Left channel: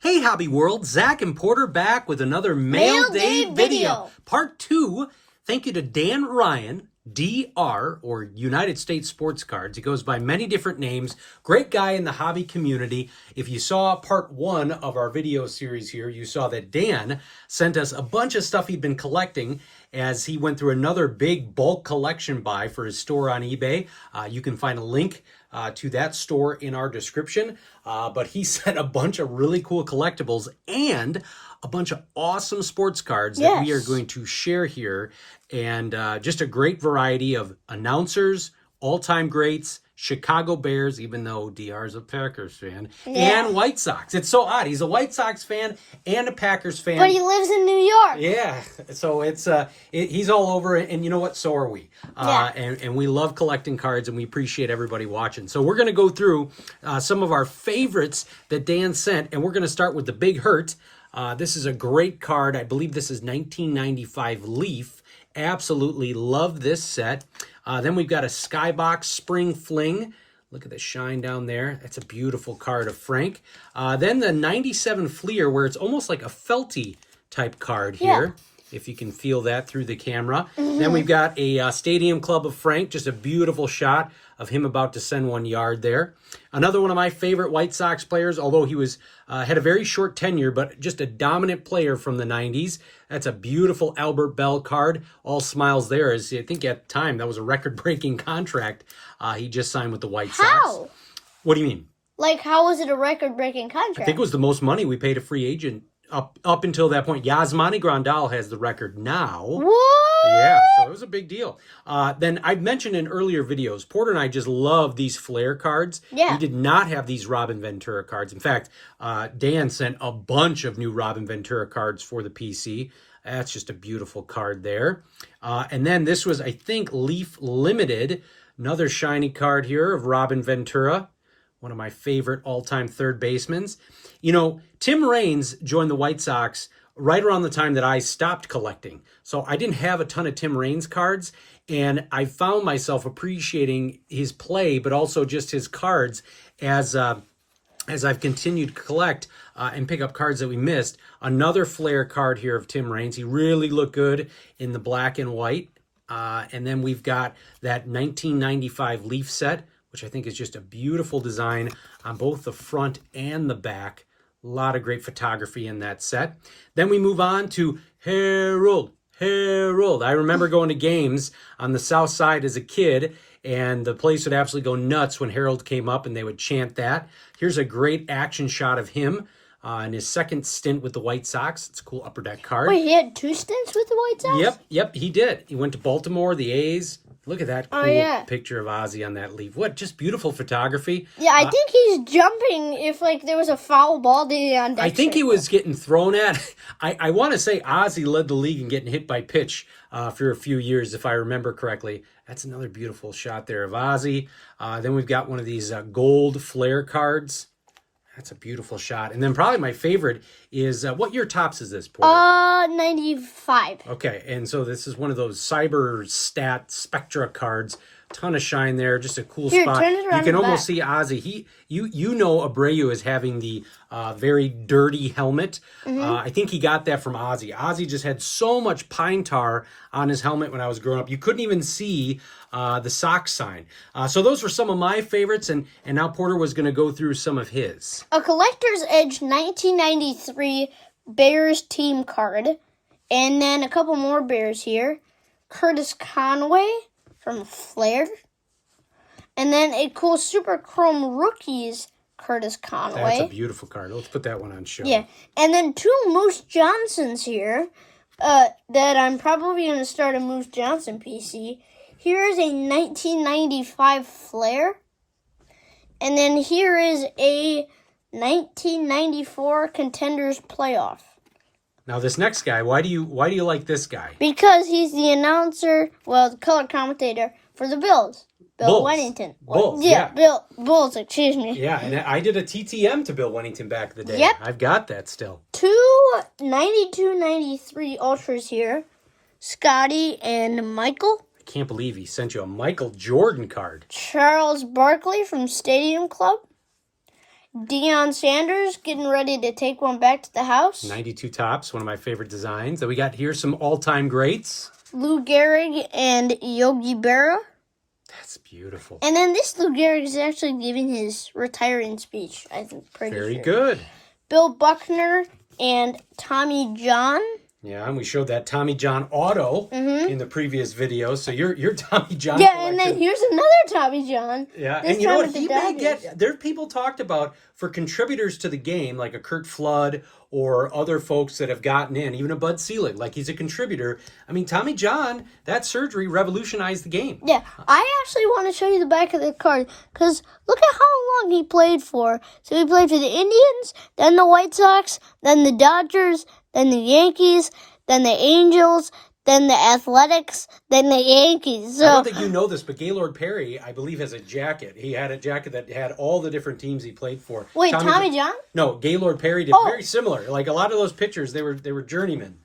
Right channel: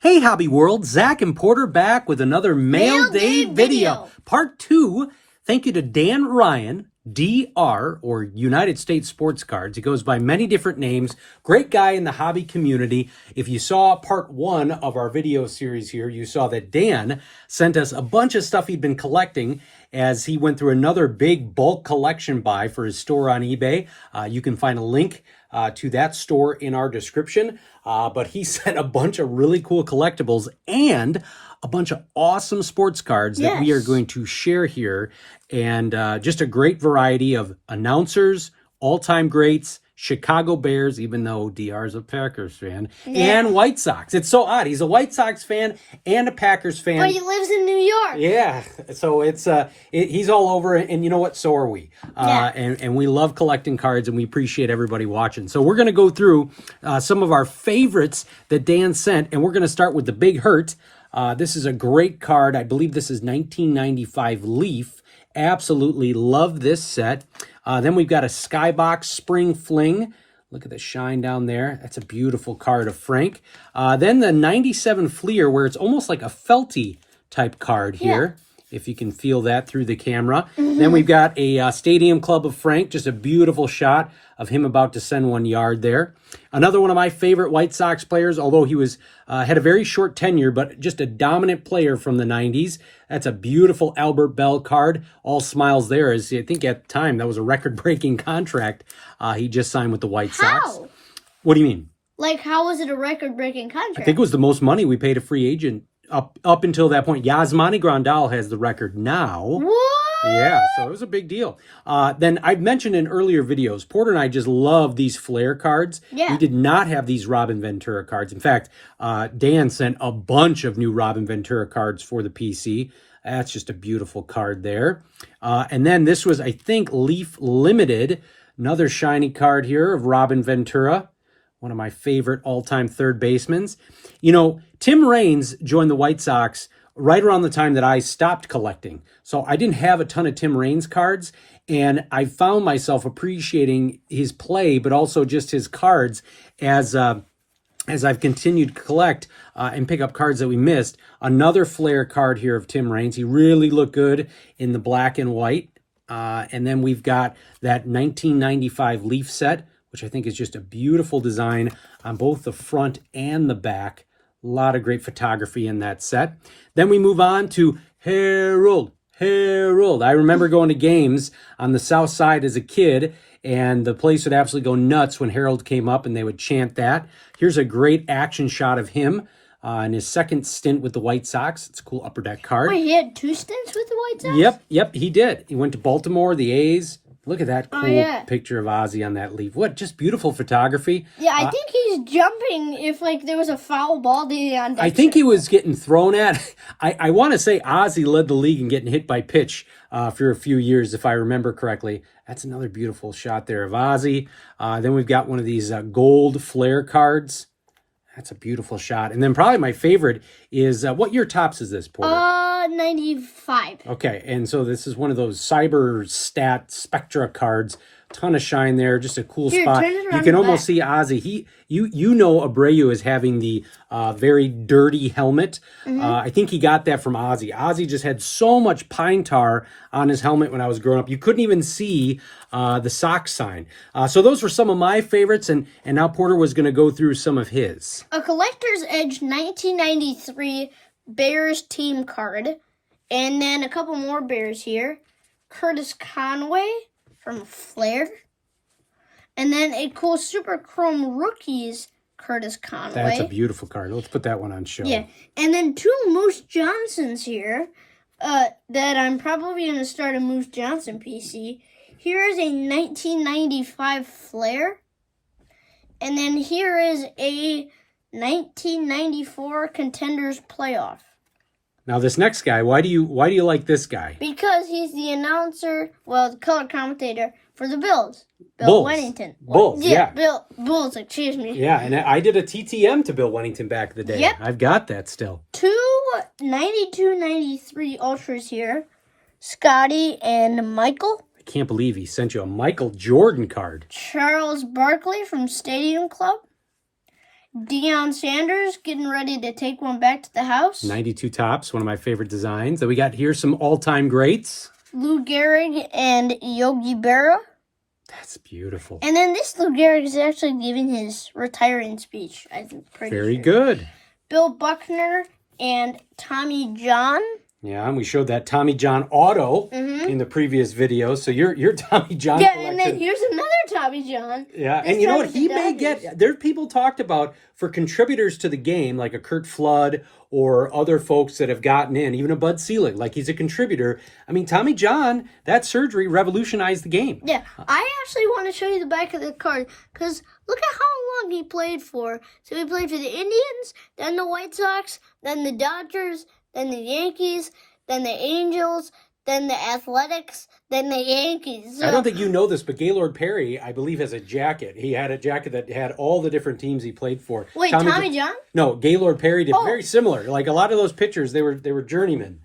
Hey Hobby World, Zach and Porter back with another Mail Day video. Part 2. Thank you to Dan Ryan, DR, or United States Sports Cards. He goes by many different names. Great guy in the hobby community. If you saw part 1 of our video series here, you saw that Dan sent us a bunch of stuff he'd been collecting as he went through another big bulk collection buy for his store on eBay. You can find a link to that store in our description. But he sent a bunch of really cool collectibles and a bunch of awesome sports cards that we are going to share here. And just a great variety of announcers, all-time greats, Chicago Bears, even though DR is a Packers fan, and White Sox. It's so odd. He's a White Sox fan and a Packers fan. But he lives in New York. Yeah, so it's he's all over, and you know what? So are we. And we love collecting cards, and we appreciate everybody watching. So we're going to go through some of our favorites that Dan sent, and we're going to start with the Big Hurt. This is a great card. I believe this is 1995 Leaf. Absolutely love this set. Then we've got a Skybox Spring Fling. Look at the shine down there. That's a beautiful card of Frank. Then the 97 Fleer, where it's almost like a felty type card here, if you can feel that through the camera. Then we've got a Stadium Club of Frank, just a beautiful shot of him about to send 1 yard there. Another one of my favorite White Sox players, although he was had a very short tenure, but just a dominant player from the 90s. That's a beautiful Albert Bell card. All smiles there, as I think at the time that was a record-breaking contract he just signed with the White Sox. How? What do you mean? Like, how was it a record-breaking contract? I think it was the most money we paid a free agent up until that point. Yasmani Grandal has the record now. What? Yeah, so it was a big deal. Then I'd mentioned in earlier videos, Porter and I just love these Flair cards. Yeah. We did not have these Robin Ventura cards. In fact, Dan sent a bunch of new Robin Ventura cards for the PC. That's just a beautiful card there. And then this was, I think, Leaf Limited. Another shiny card here of Robin Ventura, one of my favorite all-time third basemen. You know, Tim Raines joined the White Sox right around the time that I stopped collecting. So I didn't have a ton of Tim Raines cards, and I found myself appreciating his play, but also just his cards as I've continued to collect and pick up cards that we missed. Another Flair card here of Tim Raines. He really looked good in the black and white. And then we've got that 1995 Leaf set, which I think is just a beautiful design on both the front and the back. A lot of great photography in that set. Then we move on to Harold. I remember going to games on the South Side as a kid, and the place would absolutely go nuts when Harold came up and they would chant that. Here's a great action shot of him in his second stint with the White Sox. It's a cool upper deck card. Wait, he had 2 stints with the White Sox? Yep, he did. He went to Baltimore, the A's. Look at that cool picture of Ozzie on that leaf. What, just beautiful photography. Yeah, I think he's jumping if, like, there was a foul ball on that. I think he was getting thrown at. I want to say Ozzie led the league in getting hit by pitch for a few years, if I remember correctly. That's another beautiful shot there of Ozzie. Then we've got one of these gold Flair cards. That's a beautiful shot. And then probably my favorite is, what year tops is this, Porter? 95. Okay, and so this is one of those Cyber Stat Spectra cards. Ton of shine there, just a cool spot. Turn it around You can almost see Ozzie. You know Abreu is having the very dirty helmet. I think he got that from Ozzie. Ozzie just had so much pine tar on his helmet when I was growing up. You couldn't even see the Sox sign. So those were some of my favorites, and now Porter was going to go through some of his. A Collector's Edge 1993 Bears team card. And then a couple more Bears here. Curtis Conway from Flair. And then a cool Super Chrome Rookies Curtis Conway. That's a beautiful card. Let's put that one on show. Yeah. And then 2 Moose Johnsons here that I'm probably going to start a Moose Johnson PC. Here is a 1995 Flair. And then here is a 1994 Contenders Playoff. Now this next guy, why do you like this guy? Because he's the announcer, the color commentator for the Bills. Bill Wennington. Bulls, Bulls, excuse me. Yeah, and I did a TTM to Bill Wennington back in the day. Yep. I've got that still. 2 92-93 Ultras here. Scotty and Michael. I can't believe he sent you a Michael Jordan card. Charles Barkley from Stadium Club. Deion Sanders getting ready to take one back to the house. 92 Tops, one of my favorite designs. Then we got here some all-time greats. Lou Gehrig and Yogi Berra. That's beautiful. And then this Lou Gehrig is actually giving his retiring speech, I think. Very good. Bill Buckner and Tommy John. Yeah, and we showed that Tommy John auto in the previous video. So your Tommy John Yeah, collection. and then here's another Tommy John. Yeah, This and you know time what? with the He may Dodgers. get. There, people talked about for contributors to the game, like a Kurt Flood or other folks that have gotten in, even a Bud Selig, like he's a contributor. I mean, Tommy John, that surgery revolutionized the game. Yeah, I actually want to show you the back of the card because look at how long he played for. So he played for the Indians, then the White Sox, then the Dodgers, then the Yankees, then the Angels, then the Athletics, then the Yankees. So, I don't think you know this, but Gaylord Perry, I believe, has a jacket. He had a jacket that had all the different teams he played for. wait, Tommy John? No, Gaylord Perry did Oh. very similar. Like a lot of those pitchers, they were journeymen.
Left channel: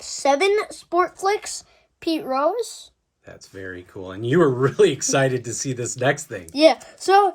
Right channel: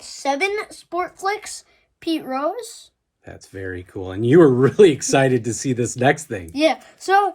1987 Sport Flicks, Pete Rose. That's very cool. And you were really excited to see this next thing. Yeah, so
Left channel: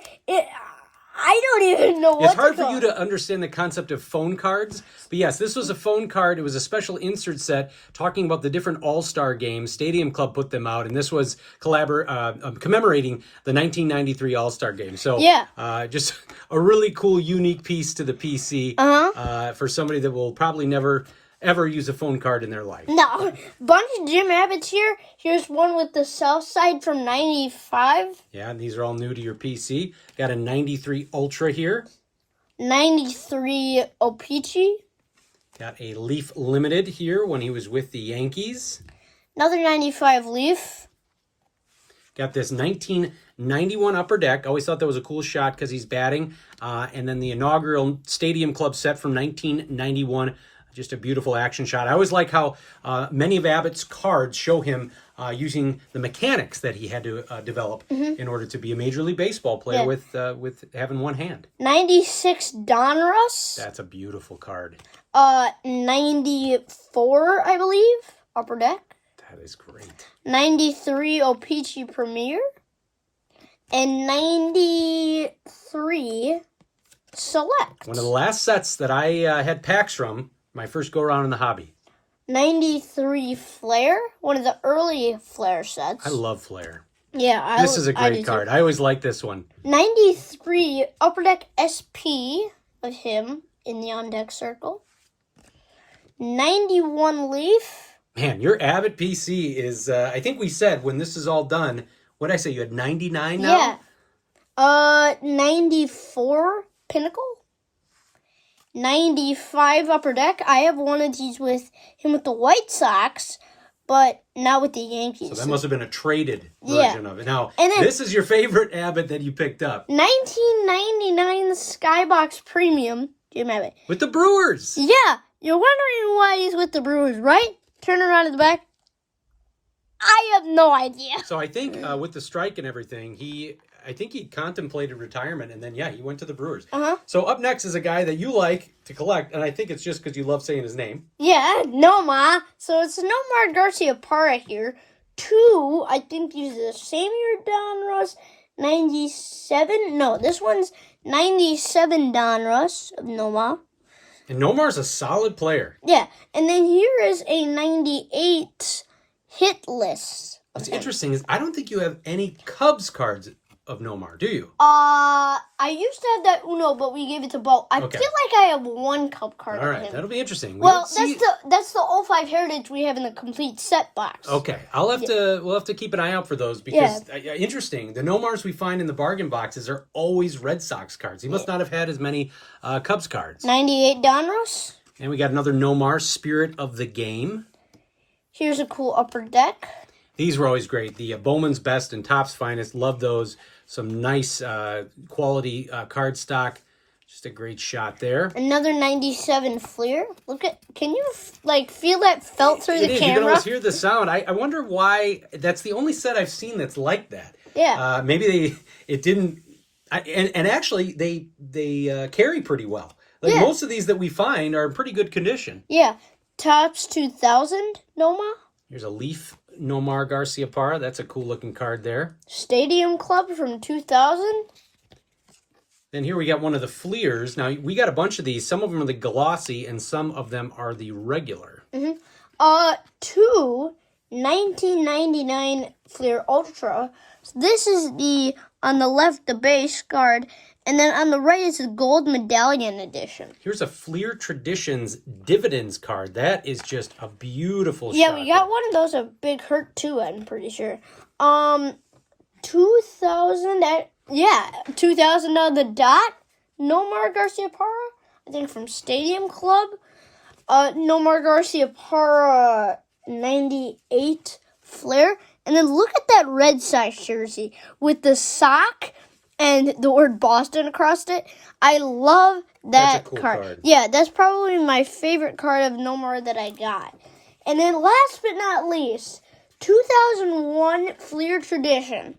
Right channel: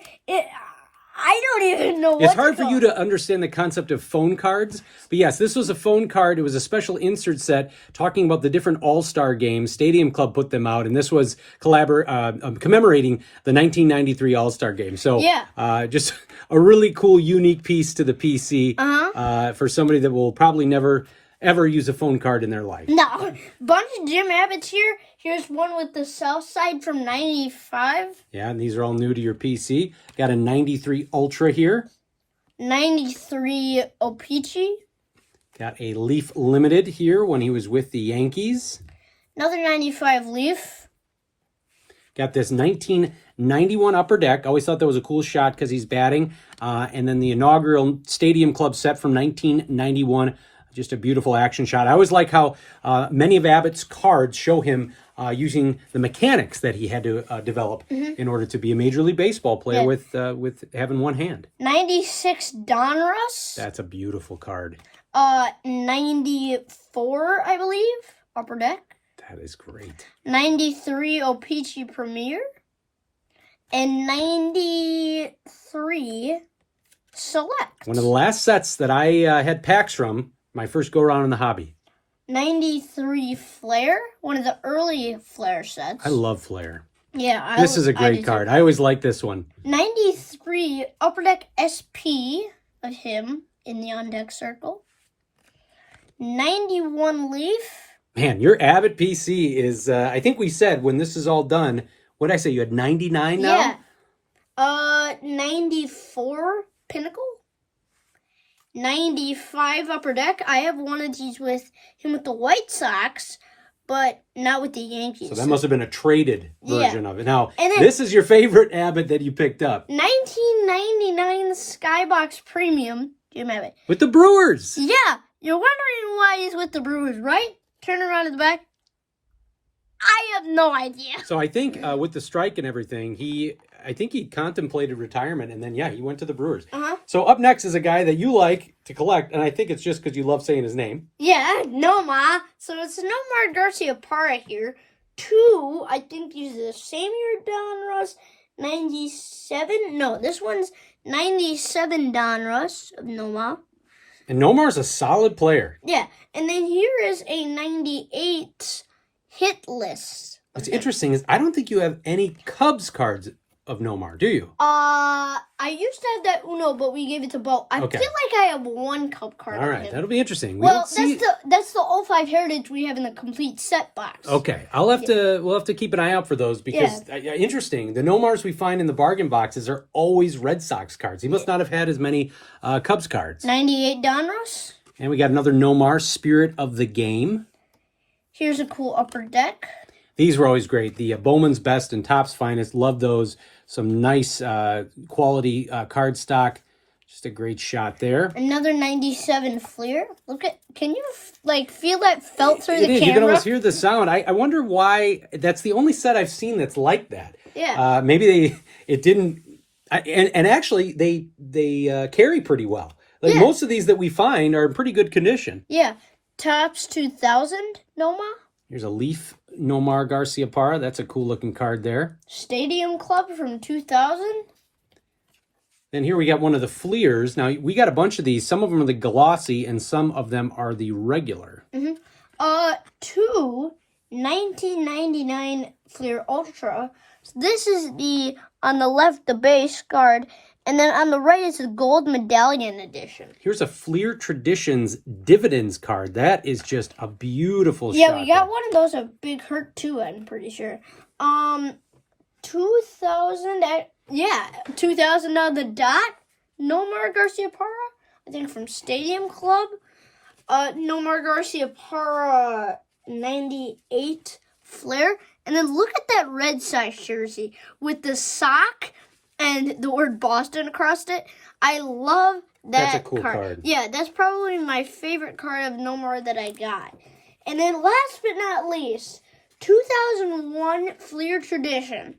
I don't even know what It's hard to for you to understand the concept of phone cards. But yes, this was a phone card. It was a special insert set talking about the different All-Star games. Stadium Club put them out, and this was commemorating the 1993 All-Star game. So Yeah. just a really cool, unique piece to the PC Uh-huh. for somebody that will probably never, ever use a phone card in their life. No, bunch of Jim Abbott's here. Here's one with the South Side from 95. Yeah, and these are all new to your PC. Got a 93 Ultra here. 93 O-Pee-Chee. Got a Leaf Limited here when he was with the Yankees. Another 95 Leaf. Got this 1991 Upper Deck. Always thought that was a cool shot because he's batting. And then the inaugural Stadium Club set from 1991. Just a beautiful action shot. I always like how many of Abbott's cards show him using the mechanics that he had to develop in order to be a Major League Baseball player with having one hand. 96 Donruss. That's a beautiful card. 94, I believe, Upper Deck. That is great. 93 O-Pee-Chee Premier. And 93 Select. One of the last sets that I had packs from, my first go-around in the hobby. 93 Flair. One of the early Flair sets. I love Flair. Yeah, This is a I do great card. I always like this one. 93 Upper Deck SP of him in the on-deck circle. 91 Leaf. Man, your Abbott PC is, I think we said when this is all done, what did I say, you had 99 now? Yeah. 94 Pinnacle. 95 Upper Deck. I have one of these with him with the White Sox, but not with the Yankees. So that must have been a traded version of it. Now, And then- this is your favorite Abbott that you picked up. 1999 Skybox Premium. Jim Abbott. With the Brewers. Yeah, you're wondering why he's with the Brewers, right? Turn around at the back. I have no idea. So I think with the strike and everything, I think he contemplated retirement, and then, yeah, he went to the Brewers. Uh-huh. So up next is a guy that you like to collect, and I think it's just because you love saying his name. Yeah, Noma. So it's Nomar Garcia Parra here. 2, I think he's the same year Donruss. 97. No, this one's 97 Donruss of Noma. And Nomar's a solid player. Yeah, and then here is a 98 hit list. What's interesting is I don't think you have any Cubs cards of Nomar, do you? I used to have that Uno, but we gave it to Bo. I Okay. feel like I have one Cub card All of right, him. that'll be interesting. We Well, don't see- that's the 05 Heritage we have in the complete set box. Okay, we'll have to keep an eye out for those because interesting. The Nomars we find in the bargain boxes are always Red Sox cards. He must not have had as many Cubs cards. 98 Donruss. And we got another Nomar, Spirit of the Game. Here's a cool Upper Deck. These were always great. The Bowman's Best and Topps Finest. Love those. Some nice quality card stock. Just a great shot there. Another 97 Fleer. Look at, can you feel that felt through It the is. You can camera? always hear the sound. I wonder why. That's the only set I've seen that's like that. Yeah. Maybe it didn't. And actually, they carry pretty well. Like most of these that we find are in pretty good condition. Yeah. Tops 2000 Noma. Here's a Leaf Nomar Garciaparra. That's a cool looking card there. Stadium Club from 2000. And here we got one of the Fleers. Now, we got a bunch of these. Some of them are the glossy, and some of them are the regular. Two 1999 Fleer Ultra. So this is the, on the left, the base card, and then on the right is the gold medallion edition. Here's a Fleer Traditions Dividends card. That is just a beautiful Yeah, shot. we got one of those at Big Hurt too, I'm pretty sure. 2000, 2000 on the dot. Nomar Garciaparra, I think from Stadium Club. Nomar Garciaparra 98 Flair. And then look at that Red Sox jersey with the sock and the word Boston across it. I love that That's a cool card. card. Yeah, that's probably my favorite card of Nomar that I got. And then last but not least, 2001 Fleer Tradition.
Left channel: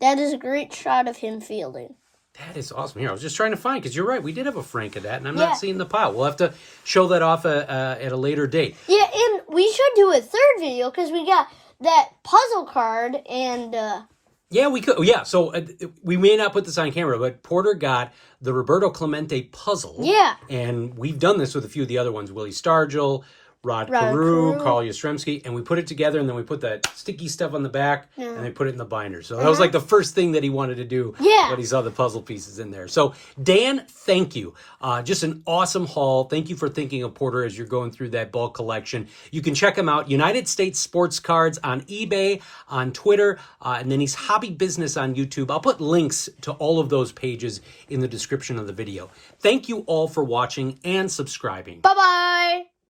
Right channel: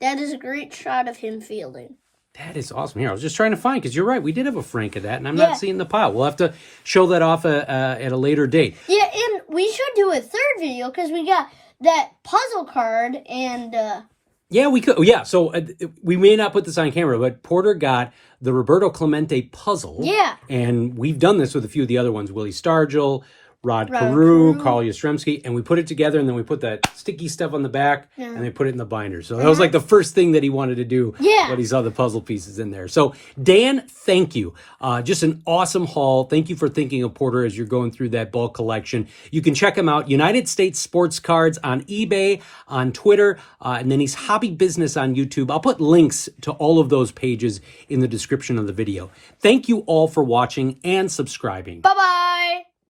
That is a great shot of him fielding. That is awesome. Here, I was just trying to find, because you're right, we did have a Frank of that, and I'm Yeah. not seeing the pile. We'll have to show that off at a later date. Yeah, and we should do a third video because we got that puzzle card and... Yeah, we could. Yeah, so we may not put this on camera, but Porter got the Roberto Clemente puzzle. Yeah. And we've done this with a few of the other ones, Willie Stargell, Rod Rod Carew, Carew. Carl Yastrzemski, and we put it together, and then we put that sticky stuff on the back, and they put it in the binder. So that was like the first thing that he wanted to do. Yeah. That he saw the puzzle pieces in there. So Dan, thank you. Just an awesome haul. Thank you for thinking of Porter as you're going through that bulk collection. You can check him out, United States Sports Cards on eBay, on Twitter, and then he's Hobby Business on YouTube. I'll put links to all of those pages in the description of the video. Thank you all for watching and subscribing. Bye-bye!